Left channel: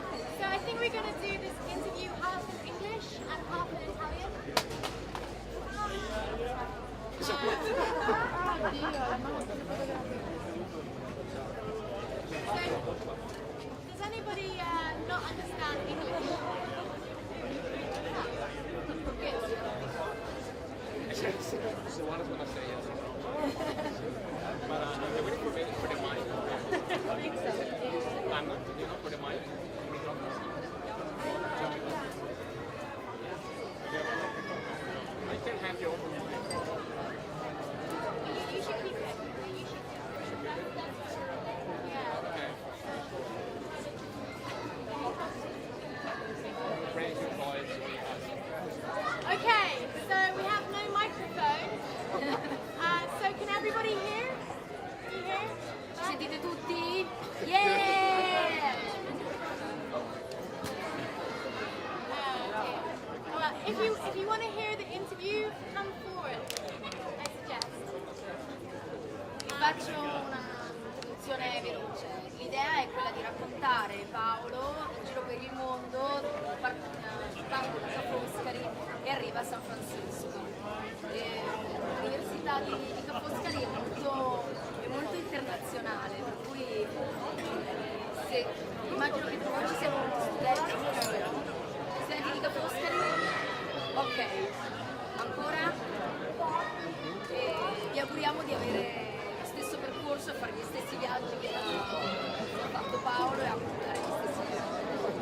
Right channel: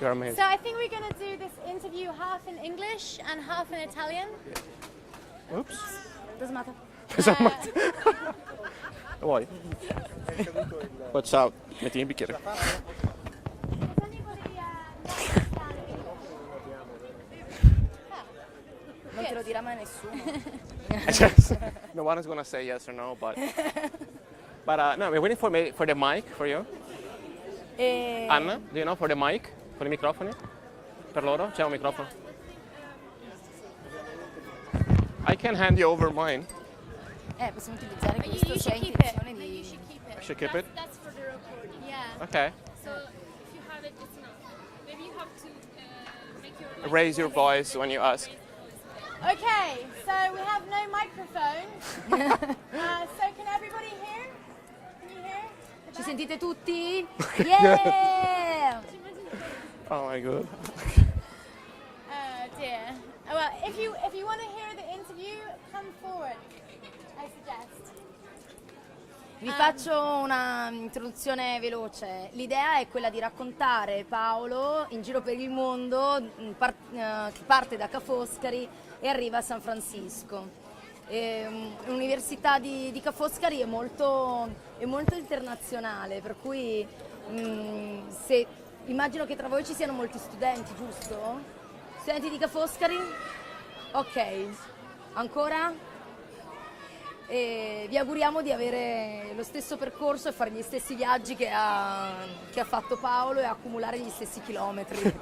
You're amazing. So I think we're going to do this interview half in English and half in Italian. Oops. Doesn't matter. Vuoi? Ciao, metti il bicchiere. Does anybody not understand English? Okay, lo dirà mai nessuno. No one is gonna say yes or no, but no, we're waiting for the mic for you. Anna, do you know for the mic? Con i microfoni? Per loro? C'è un microfono. I can hand you over mine. Possiamo utilizzare questo You should segno. keep it. You Should keep it? Yeah. Okay. Raise your voice when you ask. Okay, so we have no microphone. So can everybody hear? Can you hear? Ci sentite tutti? Yeah! Oh my god. Dear. Well, if you want to hear the interview, come forward. I suggest. Vi faccio una introduzione veloce. L'idea è quella di raccontare Paolo in giro per il mondo, parte da Ca Foscari e arriva a San Francisco. L'università di Ca Foscari è molto internazionale, per cui immagino che tra voi ci siano molti studenti, giusto? Vero? Studenti di Ca Foscari? Ok, ancora? E vi auguriamo di avere lo stesso percorso e fare gli stessi viaggi che ha fatto Paolo e accumulare gli stessi chilometri.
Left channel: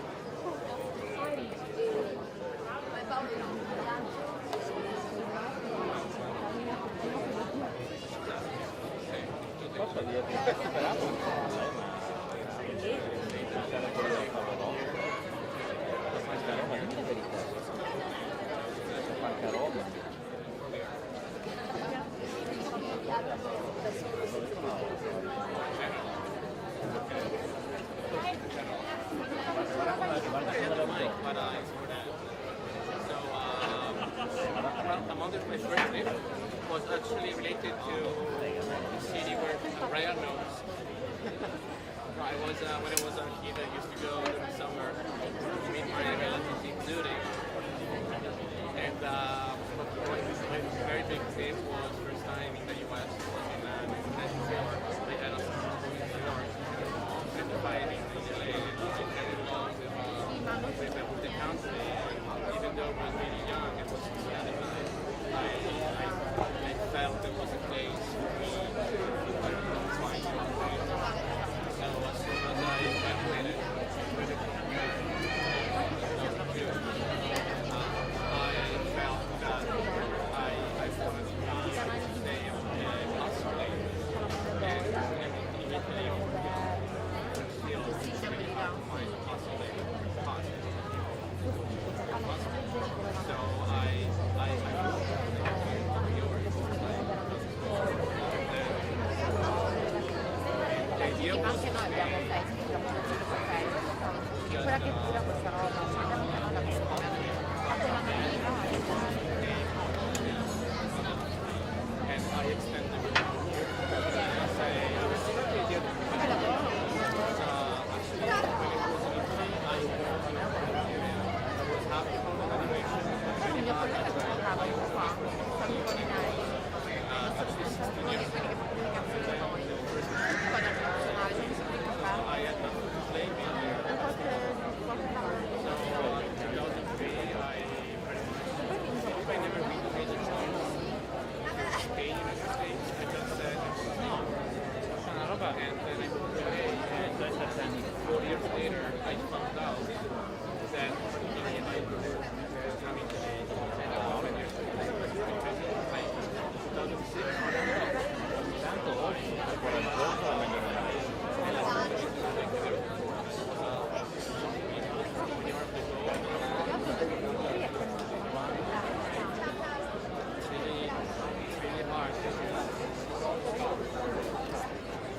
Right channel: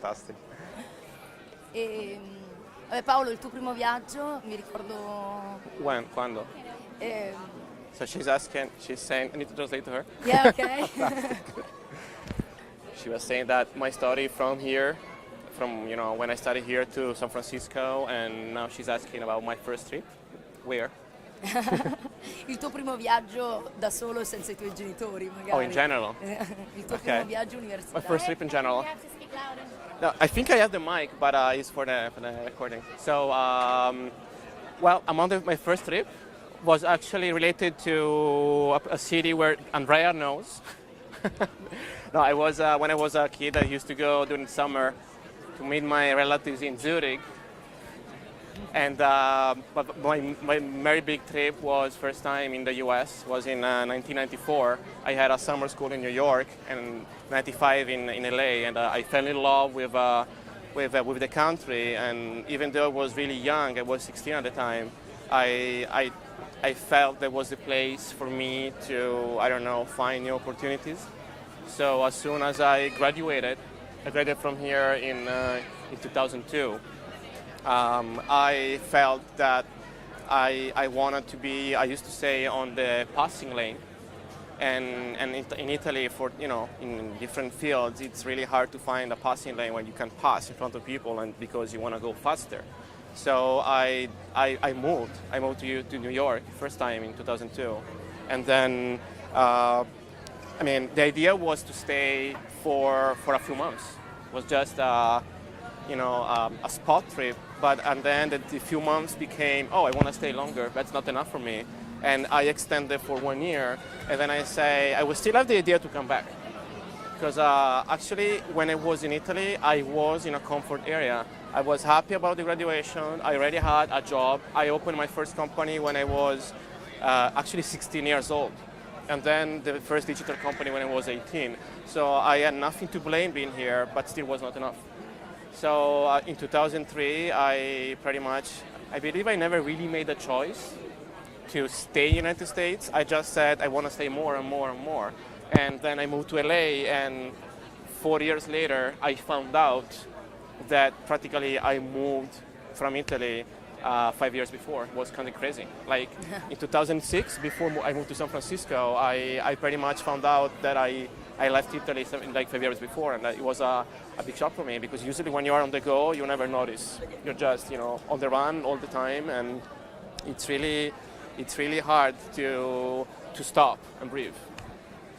Fantastico. Paolo, il tuo primo viaggio, mi ricordo... When? Quando? So she's saying, I need to translate to her. Yeah, okay. She was saying that my story from here, from when I started here to San Francisco, and now she's asking about my first trip. Where? Il tuo primo viaggio da solo senza i tuoi genitori, magari. Oh, in general. Il tuo Okay. primo viaggio My universitario. first trip in general. No, I think I have the mic, but it's for the recording. So, well, my first trip was actually related to a city where Andrea knows. No, I was when I was a kid. I used to go during summer to meet my relatives in Zurich. And but my very big trip was first time in the U.S. was in 1994. I had a summer school in New York and 95 in LA, and I fell in love with the country. And even though I was really young, I was 16 at the time, I felt there was a place for me to find new opportunities. So as soon as I graduated from here in 2002. I felt that I wanted to be, I used to say, on the passing lane. And in Italy, in different fields, it's really hard to find a passing lane when you can pass in front of people and because you want to go faster. So I moved. I moved to New York first time in 2002. And then, the idea was to stay for a few months. It was just a spot trip, and then the few months became, I want to stay longer, that's not enough for me. And I extended for 1 year, and then I would still have the idea to come back. Because actually, when I was in Italy, I was in a comfort area. I was happy about the graduation, I already had a job. I opened my first company when I was actually 16 years old. And then the first digital company when I was 18. So I had nothing to blame being here, but still was not enough. So in 2003, I believe I never really made a choice to stay in the United States. I just said I want to stay more and more and more. And then I moved to LA, and 4 years later, I found out that practically I moved from Italy 5 years before. It was kind of crazy. Like in 2006, before I moved to San Francisco, I pretty much found out that I left Italy something like 5 years before, and that it was a big shock for me because usually when you are on the go, you never notice. You're just on the run all the time, and it's really hard to stop and breathe.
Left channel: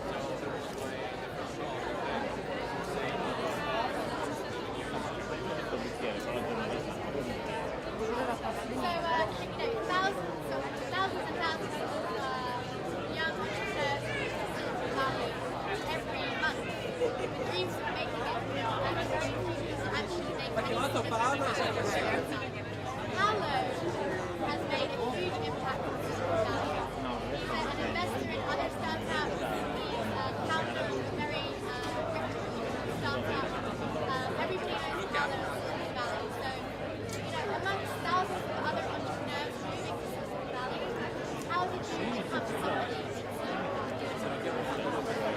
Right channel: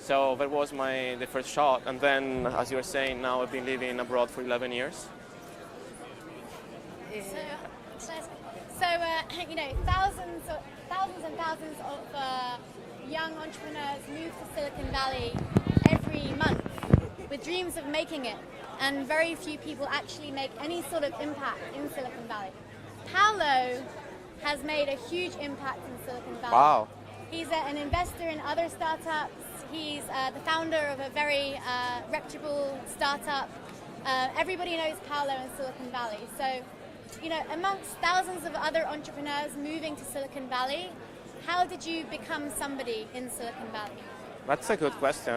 So that was the first shock, and then as you were saying, now I've been living abroad for 11 years. So, thousands and thousands of young entrepreneurs move to Silicon Valley every month with dreams of making it. and very few people actually make any sort of impact in Silicon Valley. Paolo has made a huge impact in Silicon Valley. Wow. He's an investor in other startups. He's a founder of a very reputable startup. Everybody knows Paolo in Silicon Valley. So, you know, amongst thousands of other entrepreneurs moving to Silicon Valley, how did you become somebody in Silicon Valley? That's a good question.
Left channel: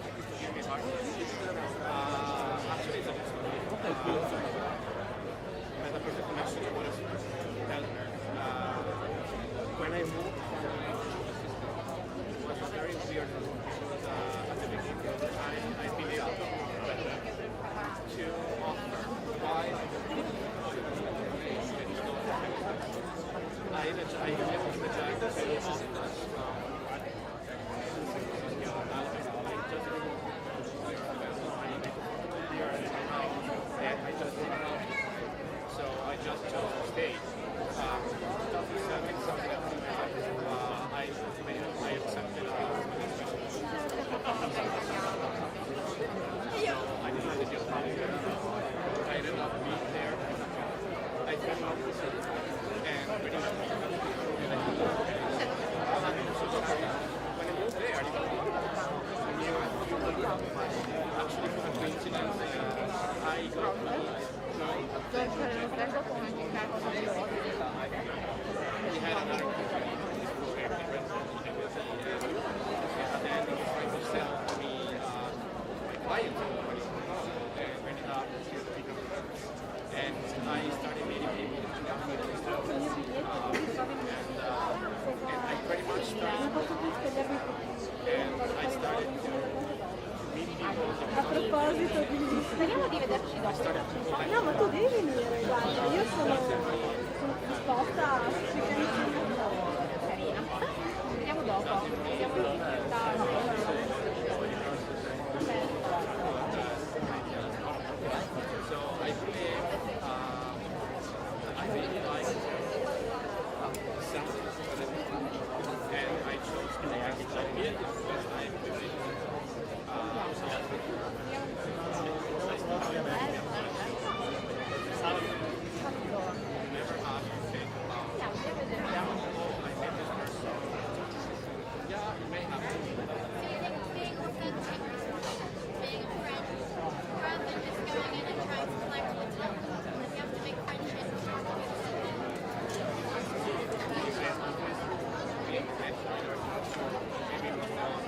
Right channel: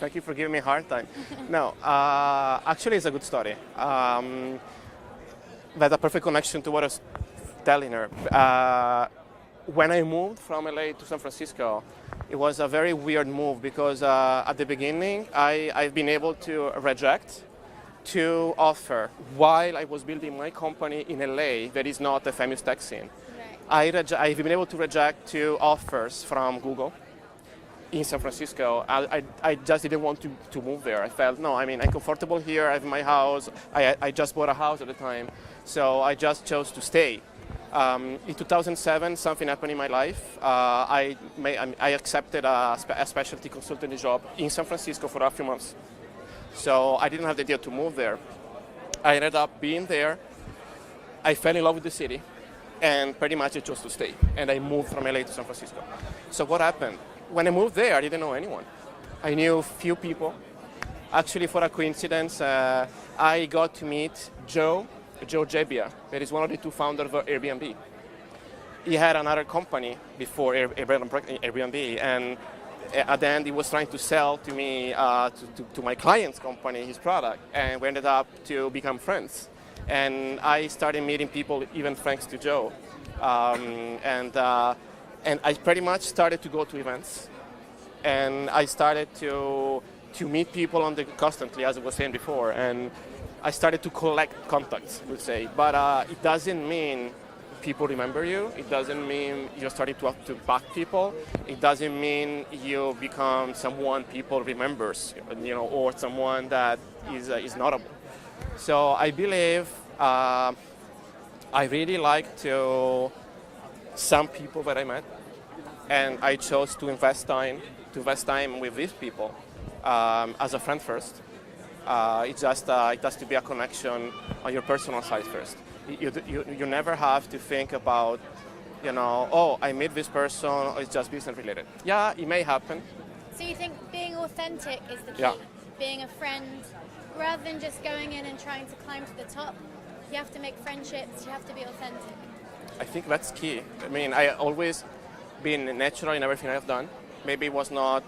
Thank you for giving me a hard time. No, actually it's a good story. That's a perfect connection to what I was telling her. When I moved from LA to San Francisco, it was a very weird move because at the beginning I've been able to reject 2 offers while I was building my company in LA that is not the famous tech scene. I've been able to reject 2 offers from Google in San Francisco. I just didn't want to move there. I felt, no, I mean, I'm comfortable here, I have my house. I just bought a house at the time, so I just chose to stay. In 2007, something happened in my life. I accepted a specialty consulting job in San Francisco for a few months. So I didn't have the idea to move there. I ended up being there. I fell in love with the city, and pretty much I chose to stay. And I moved from LA to San Francisco. So what happened? When I moved there, I didn't know anyone. I knew few people. Actually, for a coincidence, I got to meet Joe Gebbia. It is one of the 2 founders of Airbnb. He had another company before Airbnb, and at the end he was trying to sell to me, to my client's company, his product, and we ended up to become friends. And I started meeting people even thanks to Joe. And I pretty much started to go to events. And I started to meet people constantly, as I was saying before, and I started to collect contacts, you say. But it doesn't mean people remember you. It doesn't mean you're starting to back people. It doesn't mean you become someone people remembers, you know, or someone that is notable. So I believe I really like some people that I met, and I chose to invest time with these people. As a friend first. It has to be a connection on your personal side first. You never have to think about, you know, oh, I met this person, it's just business related. Yeah, it may happen. So you think being authentic is the key? Yeah. Being a friend, rather than just going in and trying to climb to the top. If you have to make friendships, you have to be authentic. I think that's key. I mean, I always been natural in everything I've done. Maybe it was not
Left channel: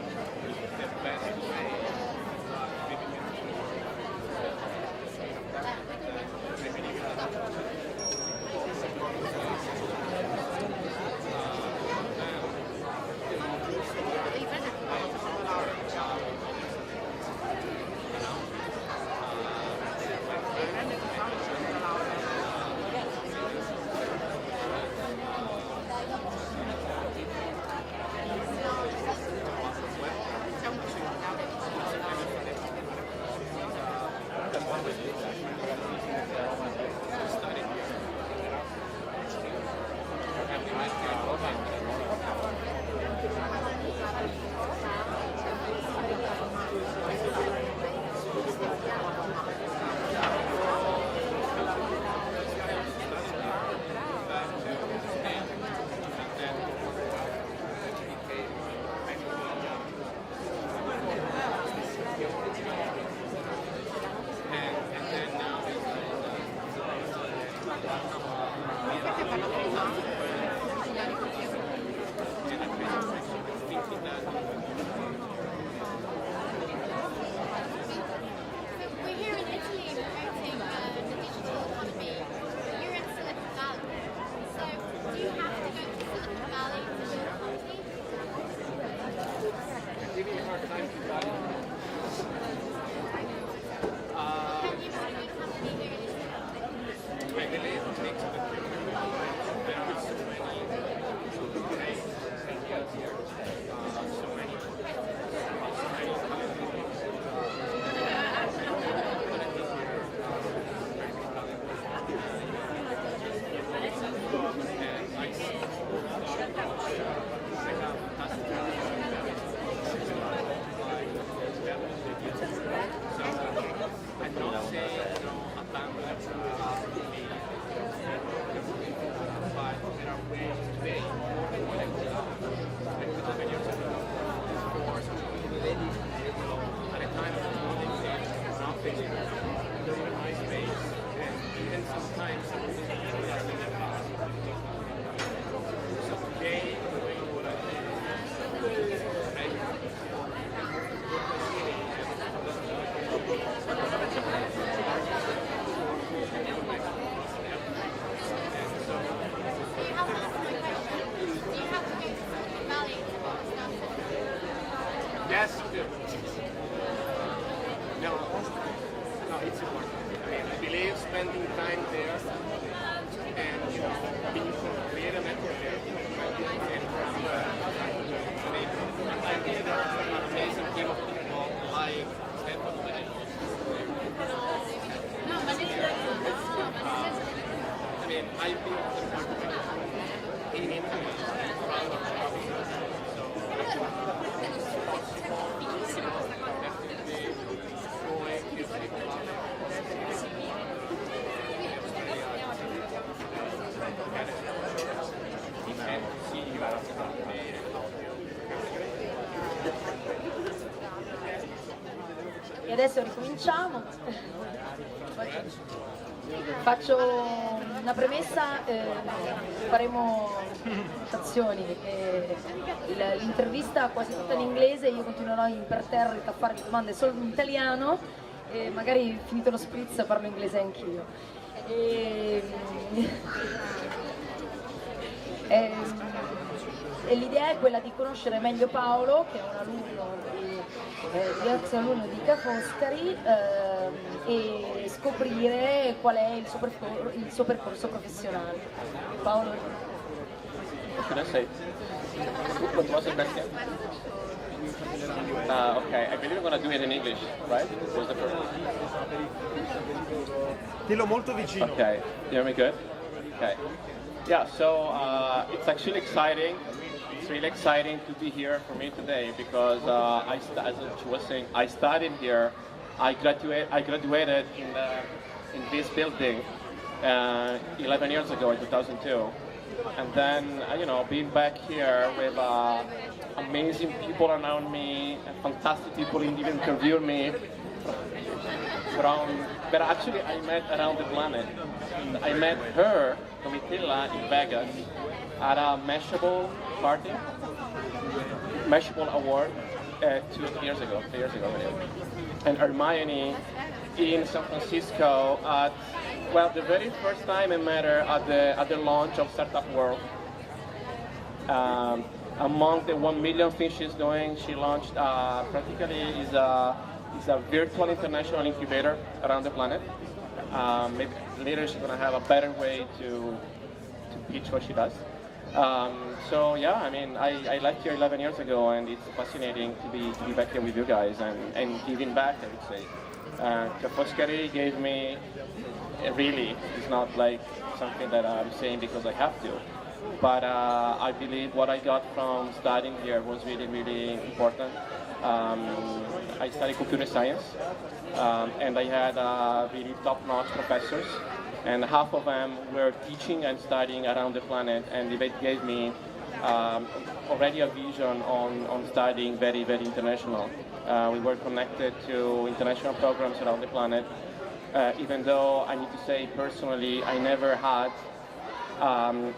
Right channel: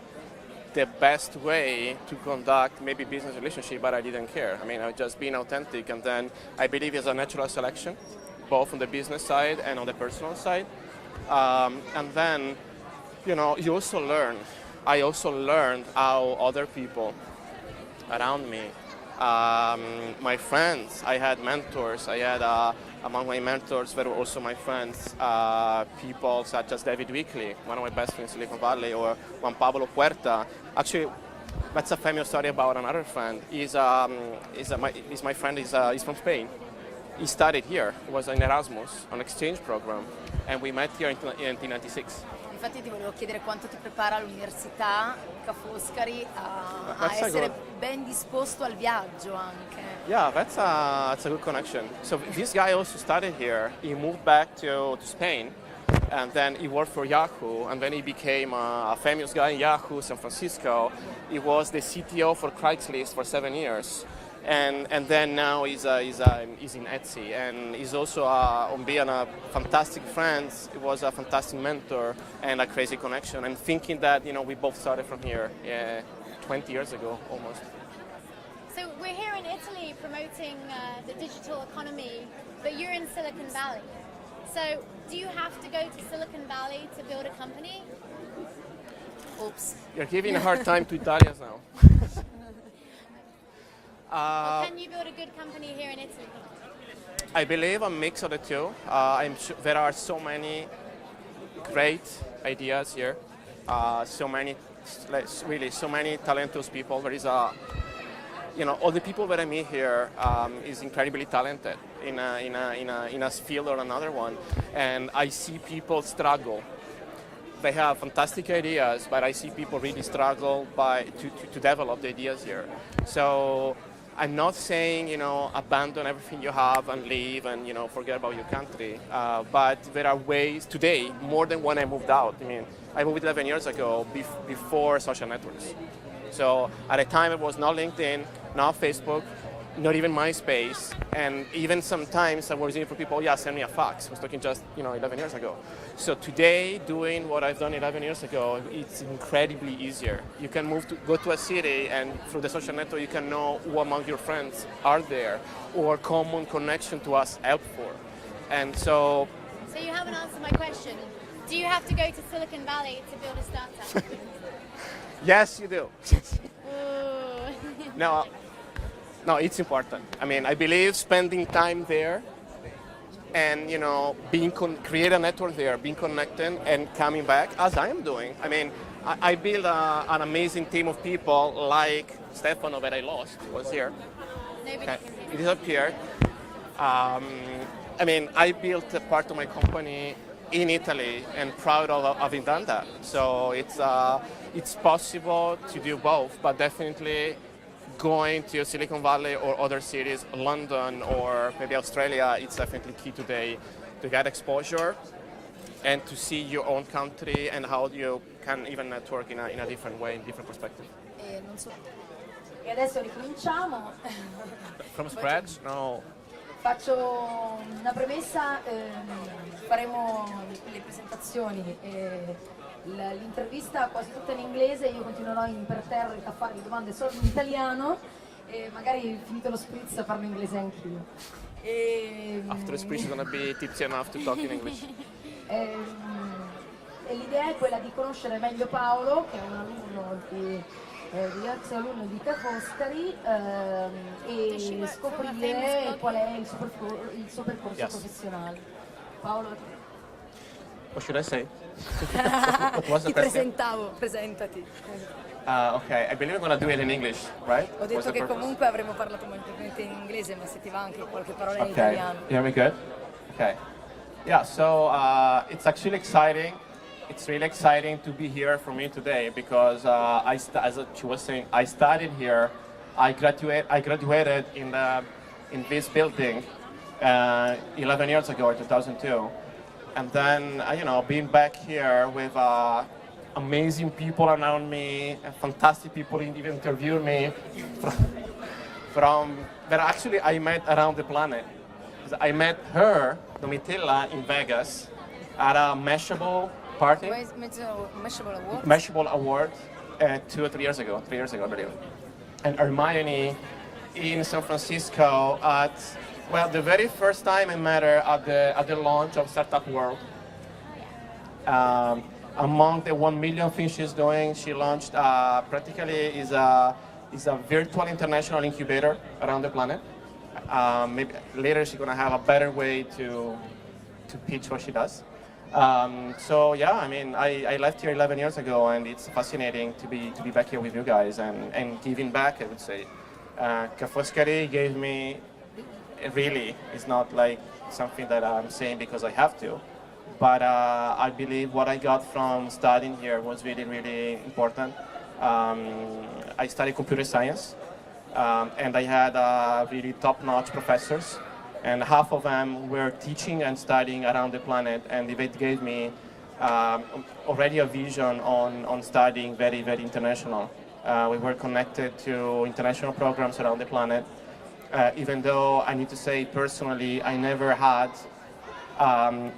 the best way to conduct maybe business relationship, but I didn't care. I mean, I've just been authentic, and then I believe it's a natural selection, both on the business side and on the personal side. And then, you know, you also learn. I also learned how other people around me, my friends, I had mentors. I had among my mentors that were also my friends, people such as David Wickley, one of my best friends in Silicon Valley, or Juan Pablo Puerta. Actually, that's a famous story about another friend. He's my friend. He's from Spain. He studied here. He was in Erasmus, an exchange program, and we met here in 1996. Infatti ti volevo chiedere quanto ti prepara all'università, Ca Foscari, a essere ben disposto al viaggio anche. Yeah, that's a good connection. So this guy also studied here. He moved back to Spain, and then he worked for Yahoo, and then he became a famous guy in Yahoo, San Francisco. He was the CTO for Craigslist for 7 years, and then now he's in Etsy, and he's also being a fantastic friend. He was a fantastic mentor and a crazy connection. And thinking that, you know, we both started from here 20 years ago. So we're here in Italy promoting the digital economy, but you're in Silicon Valley. So do you have to go to Silicon Valley to build a company? Oops. You're giving a hard time to Italians. Can you build a good company here in Italy? I believe a mix of the two. There are so many great ideas here. So many talented people. There is all the people that I meet here is incredibly talented in a field or another one, and I see people struggle they have fantastic ideas, but I see people really struggle to develop the ideas here. So I'm not saying, abandon everything you have and leave and, forget about your country. But there are ways today, more than when I moved out. I mean, I moved 11 years ago before social networks. So at the time it was not LinkedIn, not Facebook, not even MySpace, and even sometimes I was in for people, send me a fax. I was talking just 11 years ago. So today, doing what I've done 11 years ago, it's incredibly easier. You can go to a city, and through the social network, you can know who among your friends are there, or common connection to us helpful. And so. So you haven't answered my question. Do you have to go to Silicon Valley to build a startup? Yes, you do. No, it's important. I mean, I believe spending time there and, create a network there, being connected and coming back, as I'm doing. I mean, I build an amazing team of people like Stefano that I lost, was here. Okay. He's up here. I built a part of my company in Italy and proud of having done that. So it's possible to do both, but definitely going to Silicon Valley or other cities, London or maybe Australia, it's definitely key today to get exposure and to see your own country and how you can even network in a different way, different perspective. E adesso ricominciamo. From scratch? No. Faccio una premessa, faremo presentazioni, l'intervista quasi tutta in inglese, io continuerò imperterrito a farvi domande solo in italiano e magari finito lo spritz a farlo in inglese anch'io. After the speech you're gonna be tipsy enough to talk in English. E l'idea è quella di conoscere meglio Paolo, che è un alunno ex alunno di Ca Foscari, e scoprire qual è il suo percorso professionale. Paolo? What should I say? What was the best thing? Presentati. Okay, I believe we're going to do it in English, right? Ho detto che comunque avremo parlato in inglese questa settimana. Dillo molto vicino. Okay, you hear me good? Okay. Yeah, so it's actually exciting. It's really exciting to be here for me today because as she was saying, I studied here. I graduated in this building 11 years ago in 2002, and then being back here with amazing people around me, and fantastic people even interviewed me that actually I met around the planet. I met her, Domitilla, in Vegas at a Mashable party, Mashable award 2 or 3 years ago, 3 years ago already. And Hermione in San Francisco at, the very first time I met her at the launch of Startup World. Among the 1 million things she's doing, she launched practically is a virtual international incubator around the planet. Maybe later she's gonna have a better way to pitch what she does. I left here 11 years ago, and it's fascinating to be back here with you guys and giving back, I would say. Ca Foscari gave me, really, it's not like something that I'm saying because I have to, but I believe what I got from studying here was really, really important. I studied computer science, and I had really top-notch professors. And half of them were teaching and studying around the planet, and it gave me already a vision on studying very, very international. We were connected to international programs around the planet, even though I need to say personally, I never had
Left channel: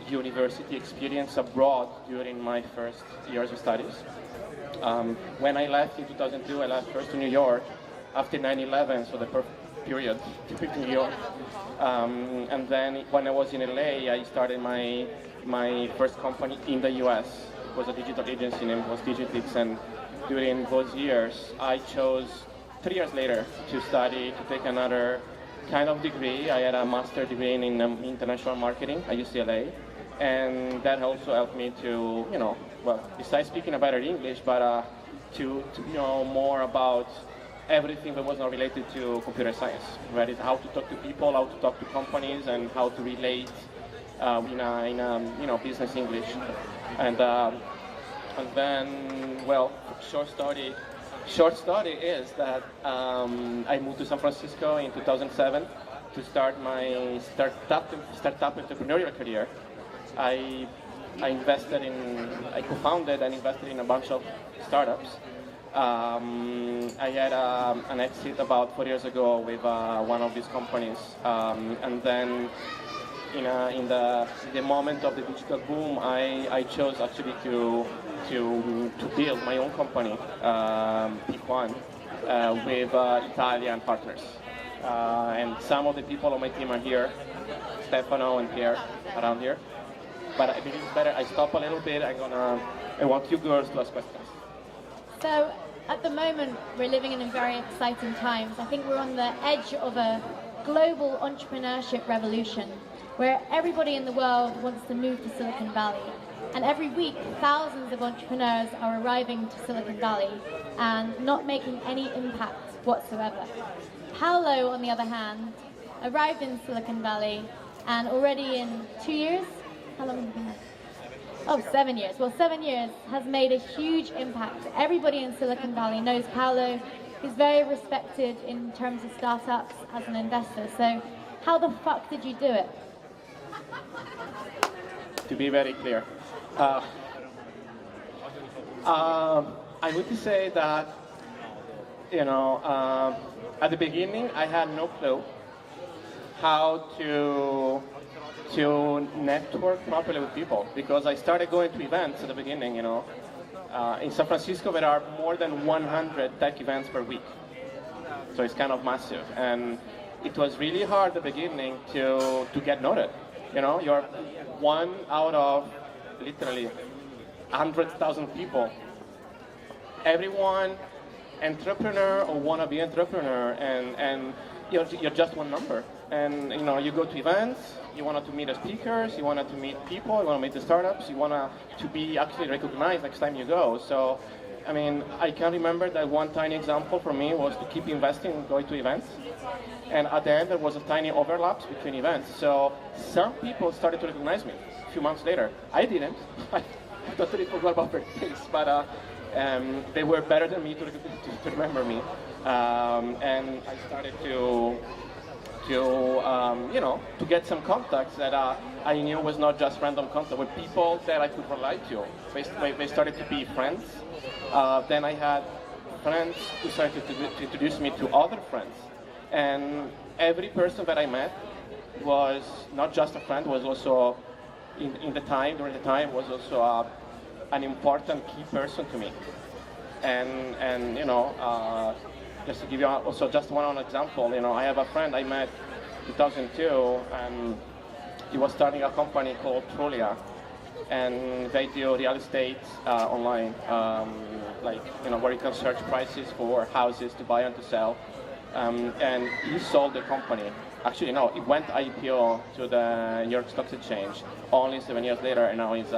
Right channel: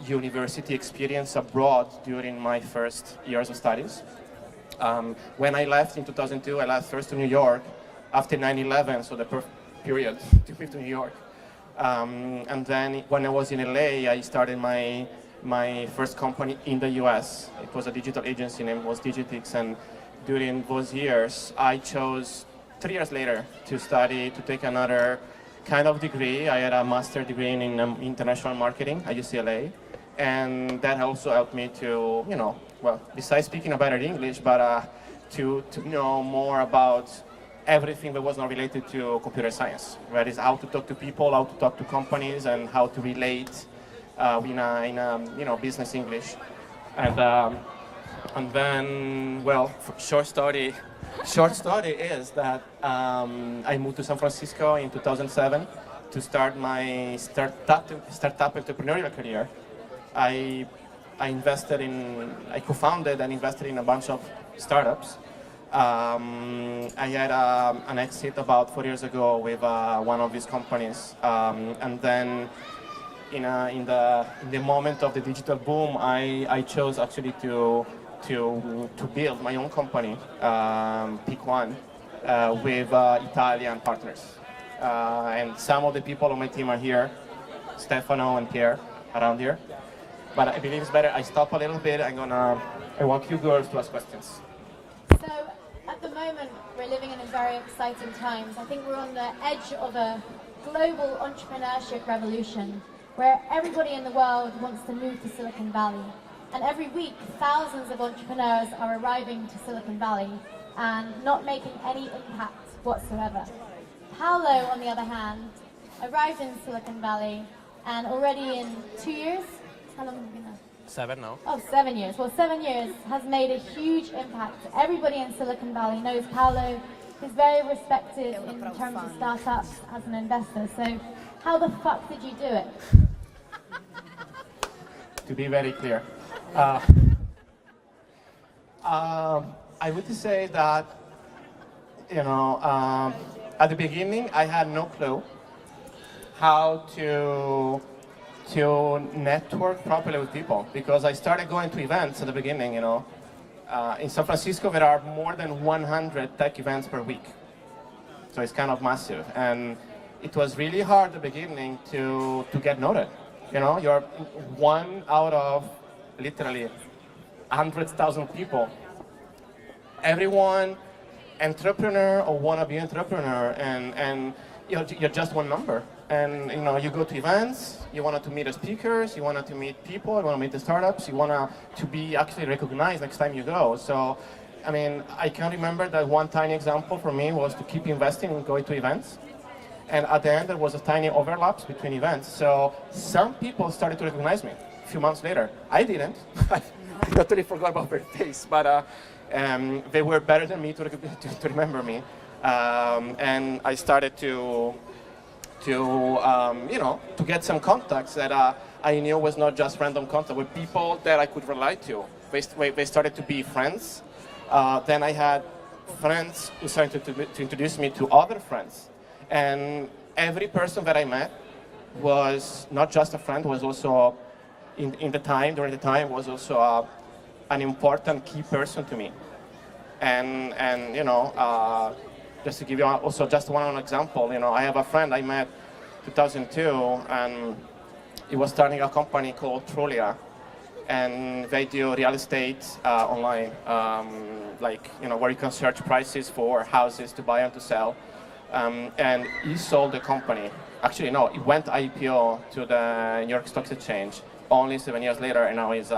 university experience abroad during my first years of studies. When I left in 2002, I left first to New York after 9/11, so the period to go to New York. And then when I was in LA, I started my first company in the US. It was a digital agency named was Digitix, and during those years, I chose 3 years later to take another kind of degree. I had a master's degree in international marketing at UCLA, and that also helped me to, besides speaking a better English, but to know more about everything that was not related to computer science. That is how to talk to people, how to talk to companies, and how to relate in a business English. And And then, well, short story is that I moved to San Francisco in 2007 to start my startup entrepreneurial career. I co-founded and invested in a bunch of startups. I had an exit about 4 years ago with one of these companies, and then in the moment of the digital boom, I chose actually to build my own company, Pick One, with Italian partners. And some of the people on my team are here, Stefano and Pierre, around here. But I believe it's better I stop a little bit. I want you girls to ask questions. So at the moment, we're living in very exciting times. I think we're on the edge of a global entrepreneurship revolution where everybody in the world wants to move to Silicon Valley. And every week, thousands of entrepreneurs are arriving to Silicon Valley and not making any impact whatsoever. Paolo, on the other hand, arrived in Silicon Valley and already in 2 years, how long have you been there? 7 now. Oh, 7 years. Well, 7 years has made a huge impact. Everybody in Silicon Valley knows Paolo. He's very respected in terms of startups as an investor. So how the fuck did you do it? To be very clear, I would say that, at the beginning I had no clue how to network properly with people, because I started going to events at the beginning. In San Francisco there are more than 100 tech events per week, so it's kind of massive, and it was really hard at the beginning to get noted. You're one out of literally 100,000 people. Everyone entrepreneur or wannabe entrepreneur, and you're just one number. And you go to events, you wanted to meet the speakers, you wanted to meet people, you want to meet the startups, you want to be actually recognized next time you go. So, I mean, I can remember that one tiny example for me was to keep investing and going to events. And at the end, there was a tiny overlap between events. So some people started to recognize me a few months later. I didn't. I totally forgot about their face, but they were better than me to remember me. And I started to get some contacts that I knew was not just random contact, but people that I could relate to. They started to be friends. Then I had friends who started to introduce me to other friends. And every person that I met was not just a friend, was also, during the time, was also an important key person to me. And just to give you also just one example, I have a friend I met in 2002, and he was starting a company called Trulia, and they do real estate online, where you can search prices for houses to buy and to sell. And he sold the company. Actually, no, it went IPO to the New York Stock Exchange only 7 years later, and now he's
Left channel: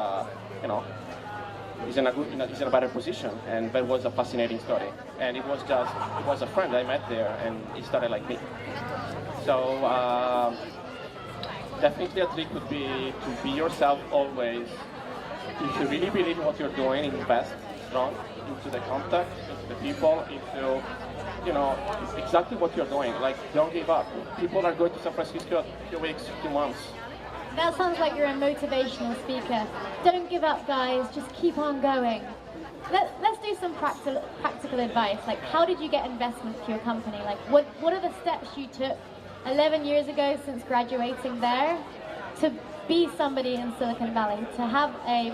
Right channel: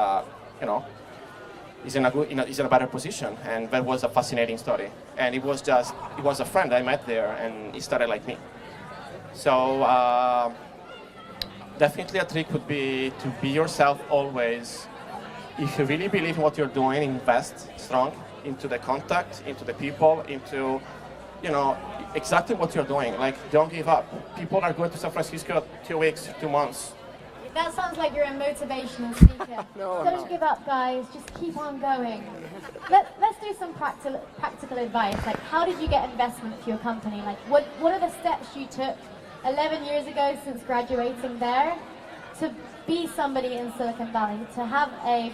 he's in a better position. And that was a fascinating story. And it was a friend I met there, and he started like me. So definitely a trick would be to be yourself always. If you really believe in what you're doing, invest strong into the contact, into the people, into exactly what you're doing. Like, don't give up. People are going to San Francisco 2 weeks, 2 months. That sounds like you're a motivational speaker. Don't give up, guys. Just keep on going. Let's do some practical advice. Like, how did you get investment for your company? Like, what are the steps you took 11 years ago since graduating there to be somebody in Silicon Valley, to have a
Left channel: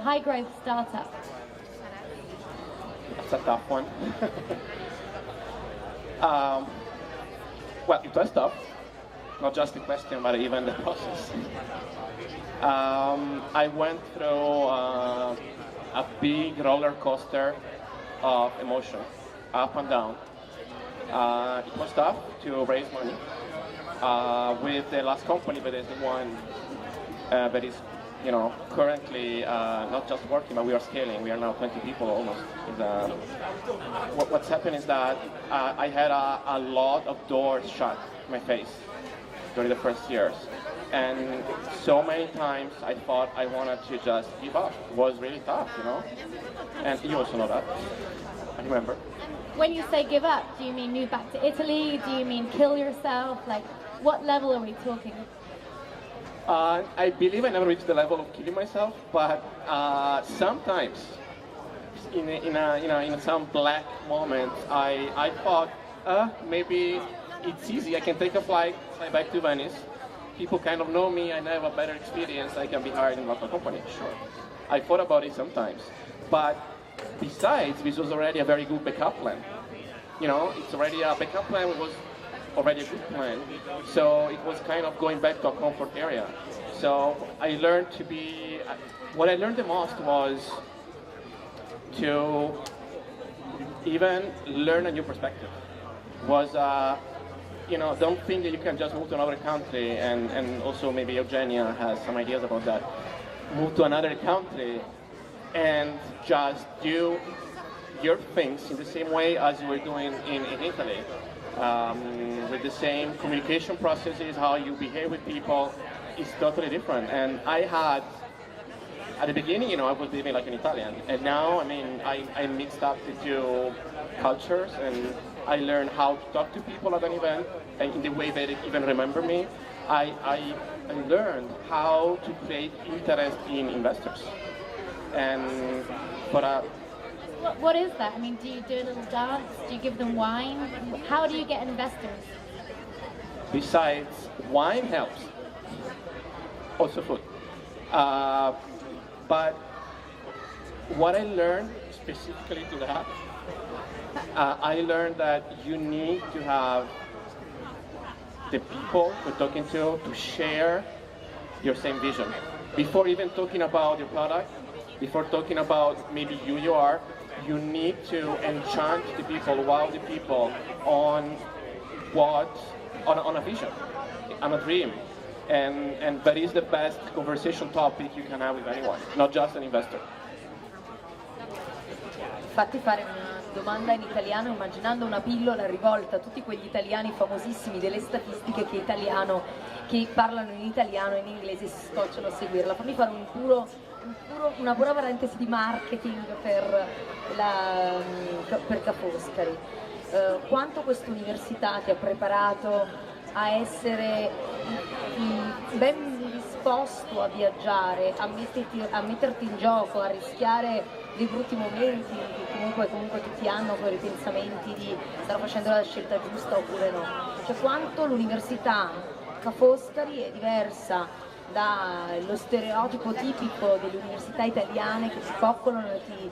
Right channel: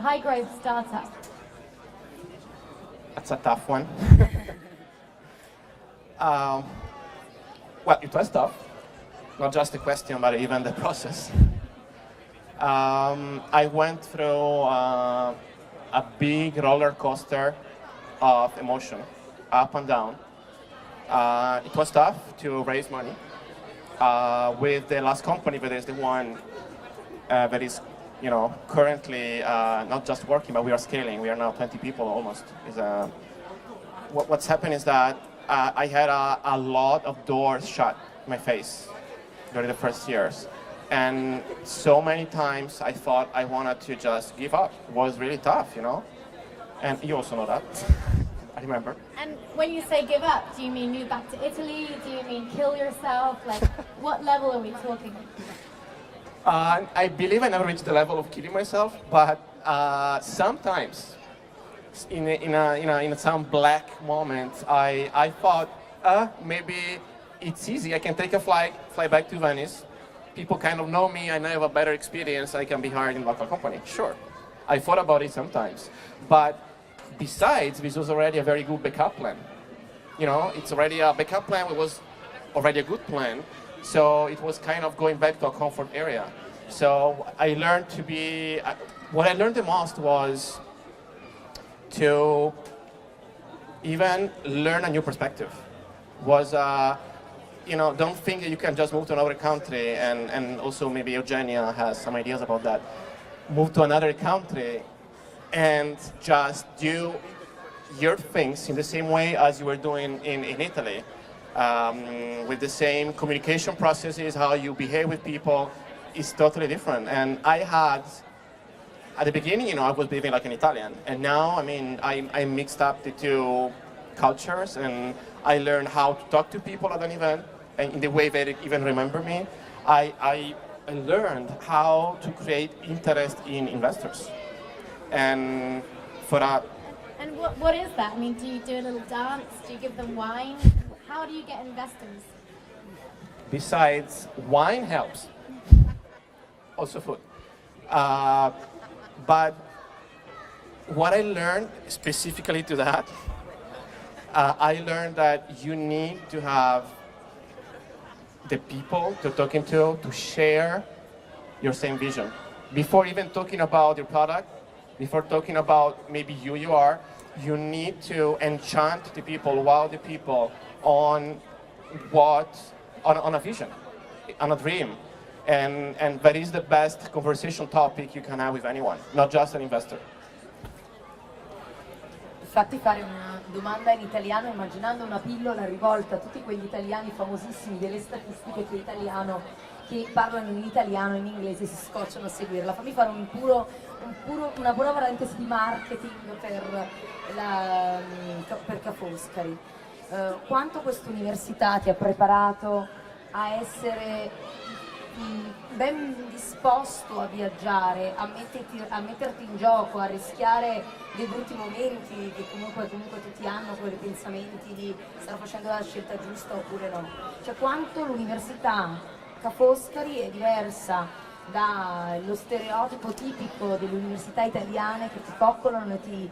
high growth startup? That's a tough one. Well, it was tough. Not just the question, but even the process. I went through a big roller coaster of emotion, up and down. It was tough to raise money. With the last company, but there's the one that is, currently not just working, but we are scaling. We are now 20 people almost. What's happened is that I had a lot of doors shut in my face during the first years. And so many times I thought I wanted to just give up. It was really tough, you know? And you also know that. I remember. And when you say give up, do you mean move back to Italy? Do you mean kill yourself? Like, what level are we talking? I believe I never reached the level of killing myself, but sometimes, in some black moment, I thought, maybe it's easy. I can take a fly back to Venice. People kind of know me, and I have a better experience. I can be hired in a local company. Sure, I thought about it sometimes, but besides, this was already a very good backup plan. You know, it's already a backup plan. It was already a good plan. So it was kind of going back to a comfort area. So I learned to be, what I learned the most was to even learn a new perspective. Was, don't think that you can just move to another country, and also maybe Eugenia has some ideas about that. Move to another country and just do your things in the same way as you were doing in Italy. With the same communication processes, how you behave with people is totally different. And I had, at the beginning, I was behaving like an Italian. And now, I mixed up the two cultures, and I learned how to talk to people at an event, and in the way they even remember me. I learned how to create interest in investors. And for a And what is that? I mean, do you do a little dance? Do you give them wine? How do you get investors? Besides, wine helps. Also food. But what I learned specifically to that, I learned that you need to have the people you're talking to share your same vision. Before even talking about your product, before talking about maybe you are, you need to enchant the people, wow the people on a vision, on a dream. And that is the best conversation topic you can have with anyone, not just an investor. Fatti fare una domanda in italiano immaginando una pillola rivolta a tutti quegli italiani famosissimi delle statistiche che parlano in italiano e in inglese si scocciano a seguirla. Fammi fare una buona parentesi di marketing per Ca Foscari. Quanto questa università ti ha preparato a essere ben disposto a viaggiare, a metterti in gioco, a rischiare dei brutti momenti che comunque tutti hanno, quei ripensamenti di stare facendo la scelta giusta oppure no? Cioè quanto l'università Ca Foscari è diversa dallo stereotipo tipico delle università italiane che ti coccolano e ti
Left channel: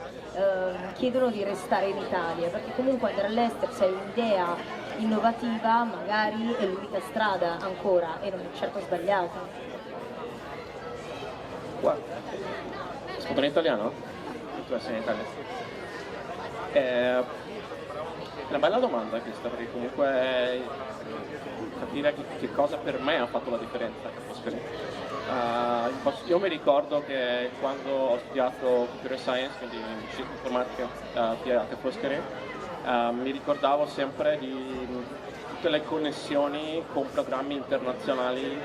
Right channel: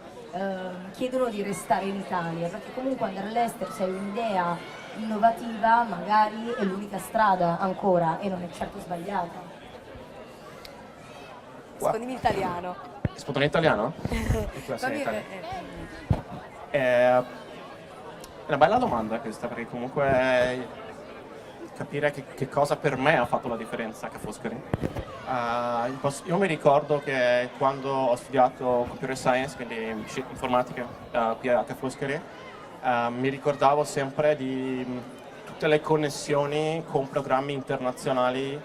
chiedono di restare in Italia, perché comunque andare all'estero se hai un'idea innovativa magari è l'unica strada ancora e non è certo sbagliata. Rispondi in italiano. Rispondo in italiano? È una bella domanda questa, perché comunque capire che cosa per me ha fatto la differenza a Ca Foscari. Io mi ricordo che quando ho studiato Computer Science, quindi informatica qui a Ca Foscari, mi ricordavo sempre di tutte le connessioni con programmi internazionali,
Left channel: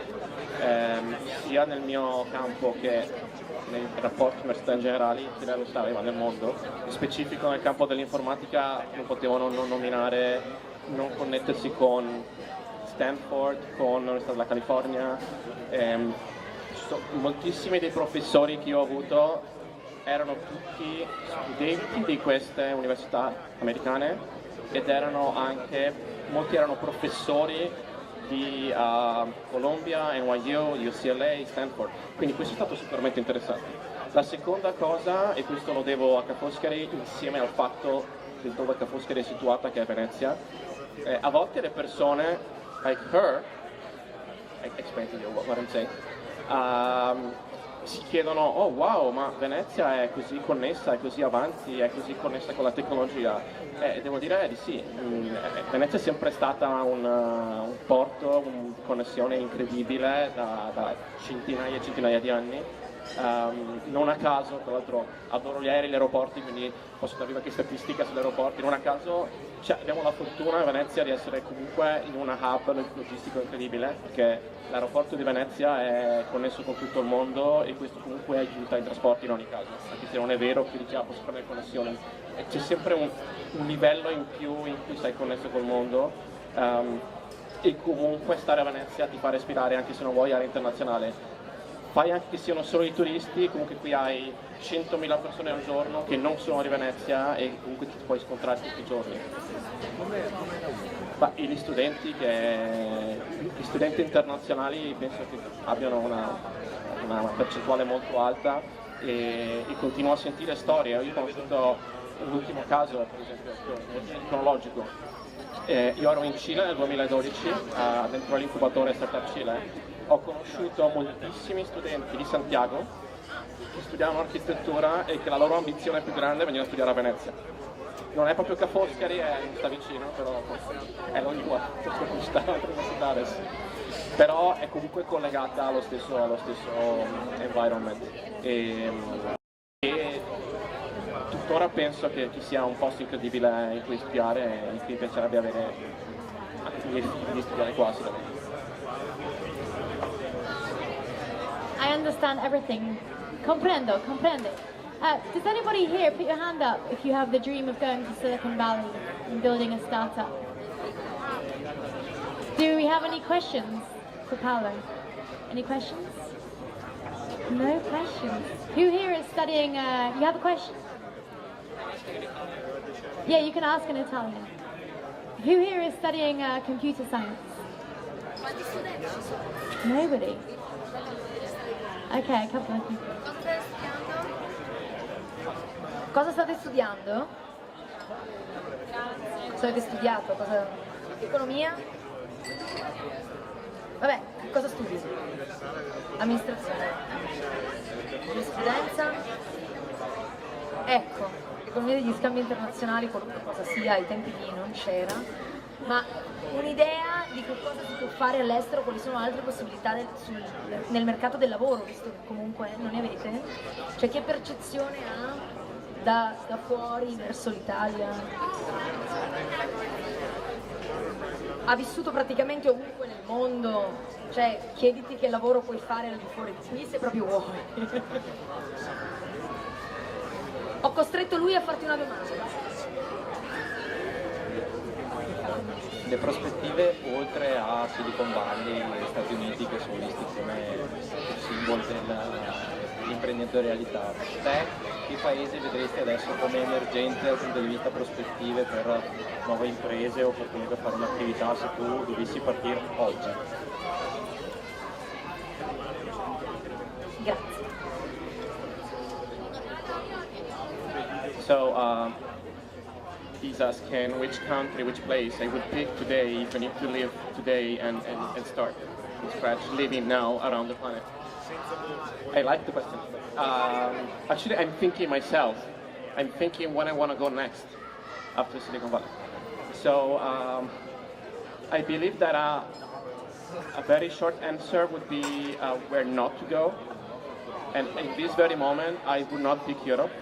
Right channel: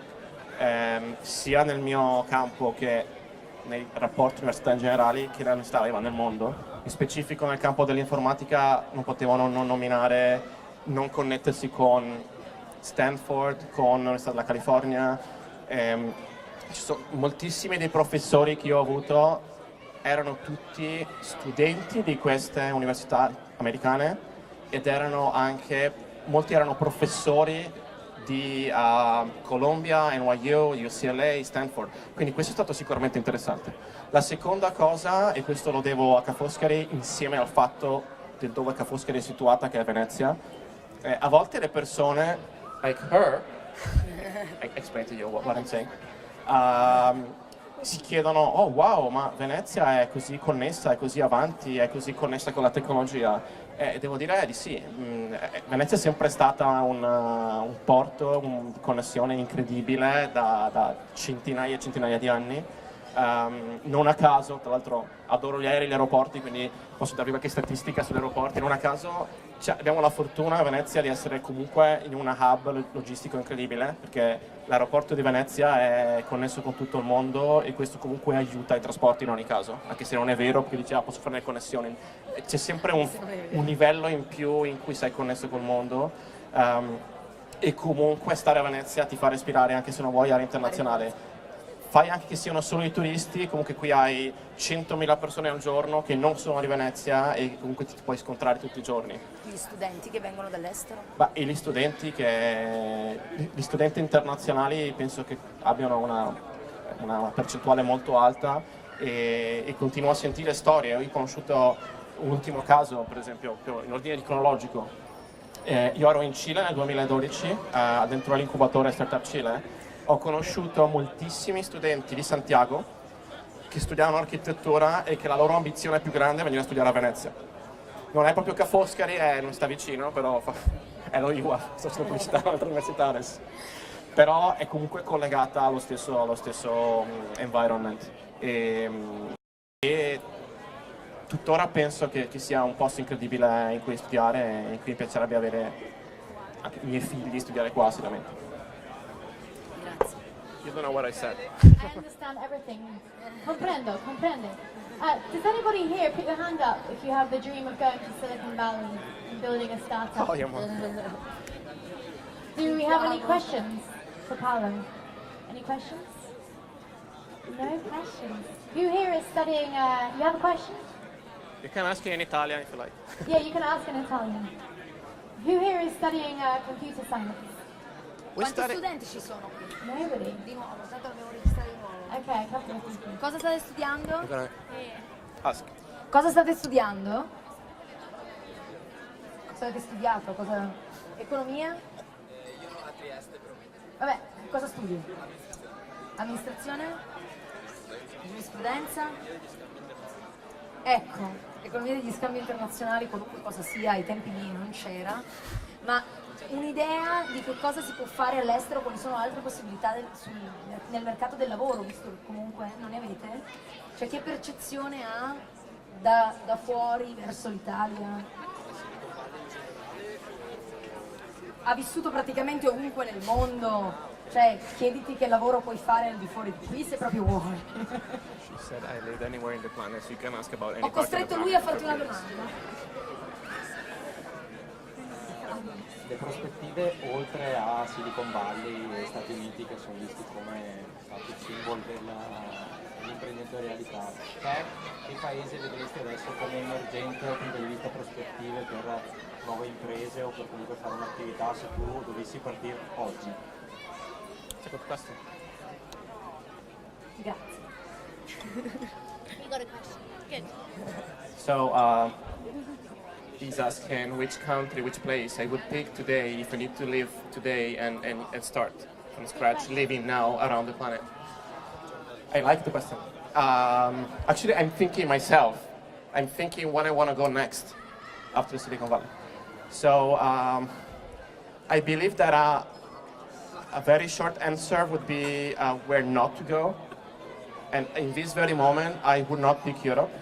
sia nel mio campo che nei rapporti università in generale, che l'università aveva nel mondo. In specifico nel campo dell'informatica non potevano non nominare, non connettersi con Stanford, con l'Università della California. Moltissimi dei professori che io ho avuto erano tutti studenti di queste università americane ed molti erano professori di Columbia, NYU, UCLA, Stanford, quindi questo è stato sicuramente interessante. La seconda cosa, e questo lo devo a Ca Foscari insieme al fatto di dove Ca Foscari è situata, che è Venezia, a volte le persone, like her, I explain to you what I'm saying, si chiedono, oh wow, ma Venezia è così connessa, è così avanti, è così connessa con la tecnologia. Devo dire di sì, Venezia è sempre stata un porto, una connessione incredibile da centinaia e centinaia di anni. Non a caso, tra l'altro adoro gli aerei e gli aeroporti, quindi posso darvi qualche statistica sugli aeroporti, non a caso abbiamo la fortuna a Venezia di essere comunque in una hub logistico incredibile, perché l'aeroporto di Venezia è connesso con tutto il mondo e questo comunque aiuta i trasporti in ogni caso, anche se non è vero, perché diceva posso fare le connessioni. E c'è sempre un livello in più in cui sei connesso col mondo, e comunque stare a Venezia ti fa respirare anche se non vuoi aria internazionale. Fai anche che siano solo i turisti, comunque qui hai 100.000 persone al giorno che non sono di Venezia e comunque ti puoi scontrare tutti i giorni. Gli studenti che vengono dall'estero. E gli studenti internazionali penso che abbiano una percentuale molto alta e continuo a sentire storie. Io ho conosciuto un ultimo caso, per esempio, in ordine cronologico. Io ero in Cile nel 2012, dentro l'incubatore Startup Cile. Ho conosciuto moltissimi studenti di Santiago che studiavano architettura e che la loro ambizione più grande è venire a studiare a Venezia. Non è proprio Ca Foscari, non sta vicino, però è lo UA, sono universitaris. Però è comunque collegata allo stesso environment. E tuttora penso che sia un posto incredibile in cui studiare e in cui mi piacerebbe avere i miei figli di studiare qua sicuramente. I understand everything. Comprendo. Does anybody here put your hand up if you have the dream of going to Silicon Valley and building a startup? Oh, yeah. Do we have any questions for Paolo? Any questions? No questions. Who here is studying? You have a question? You can ask in Italian if you like. Yeah, you can ask in Italian. Who here is studying computer science? We study. Nobody. Okay, a couple of people. Cosa state studiando? Ask. Cosa state studiando? Cosa avete studiato? Economia? Vabbè, cosa studi? Amministrazione? Giurisprudenza? Ecco, economia degli scambi internazionali, qualunque cosa sia, ai tempi lì non c'era, ma un'idea di che cosa si può fare all'estero, quali sono altre possibilità nel mercato del lavoro, visto che comunque non ne avete? Cioè che percezione ha da fuori verso l'Italia? Ha vissuto praticamente ovunque nel mondo, cioè chiediti che lavoro puoi fare al di fuori di qui se proprio vuoi. Ho costretto lui a farti una domanda. Le prospettive oltre a Silicon Valley e Stati Uniti, che sono visti come simbolo dell'imprenditorialità, te che paese vedresti adesso come emergente dal punto di vista prospettive per nuove imprese o per comunque fare un'attività se tu dovessi partire oggi? Grazie. So, he's asking which country, which place I would pick today if I need to live today and start from scratch, living now around the planet. I like the question. Actually, I'm thinking myself. I'm thinking what I want to go next after Silicon Valley. So, I believe that a very short answer would be where not to go. And in this very moment, I would not pick Europe.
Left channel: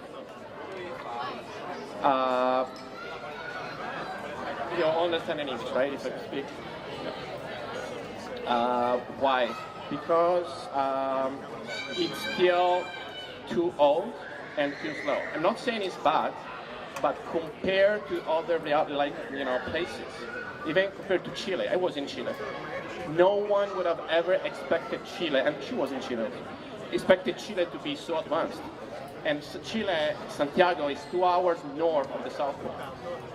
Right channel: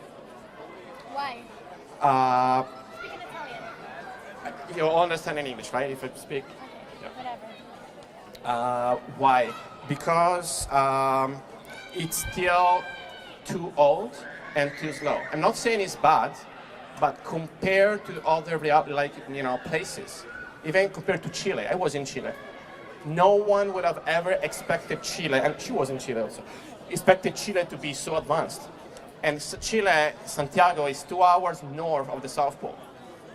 Why? You all understand in English, right? If I speak. Why? Because it's still too old and too slow. I'm not saying it's bad, but compared to other places, even compared to Chile, I was in Chile. No one would have ever expected Chile, and she was in Chile also, expected Chile to be so advanced. And Chile, Santiago is 2 hours north of the South Pole.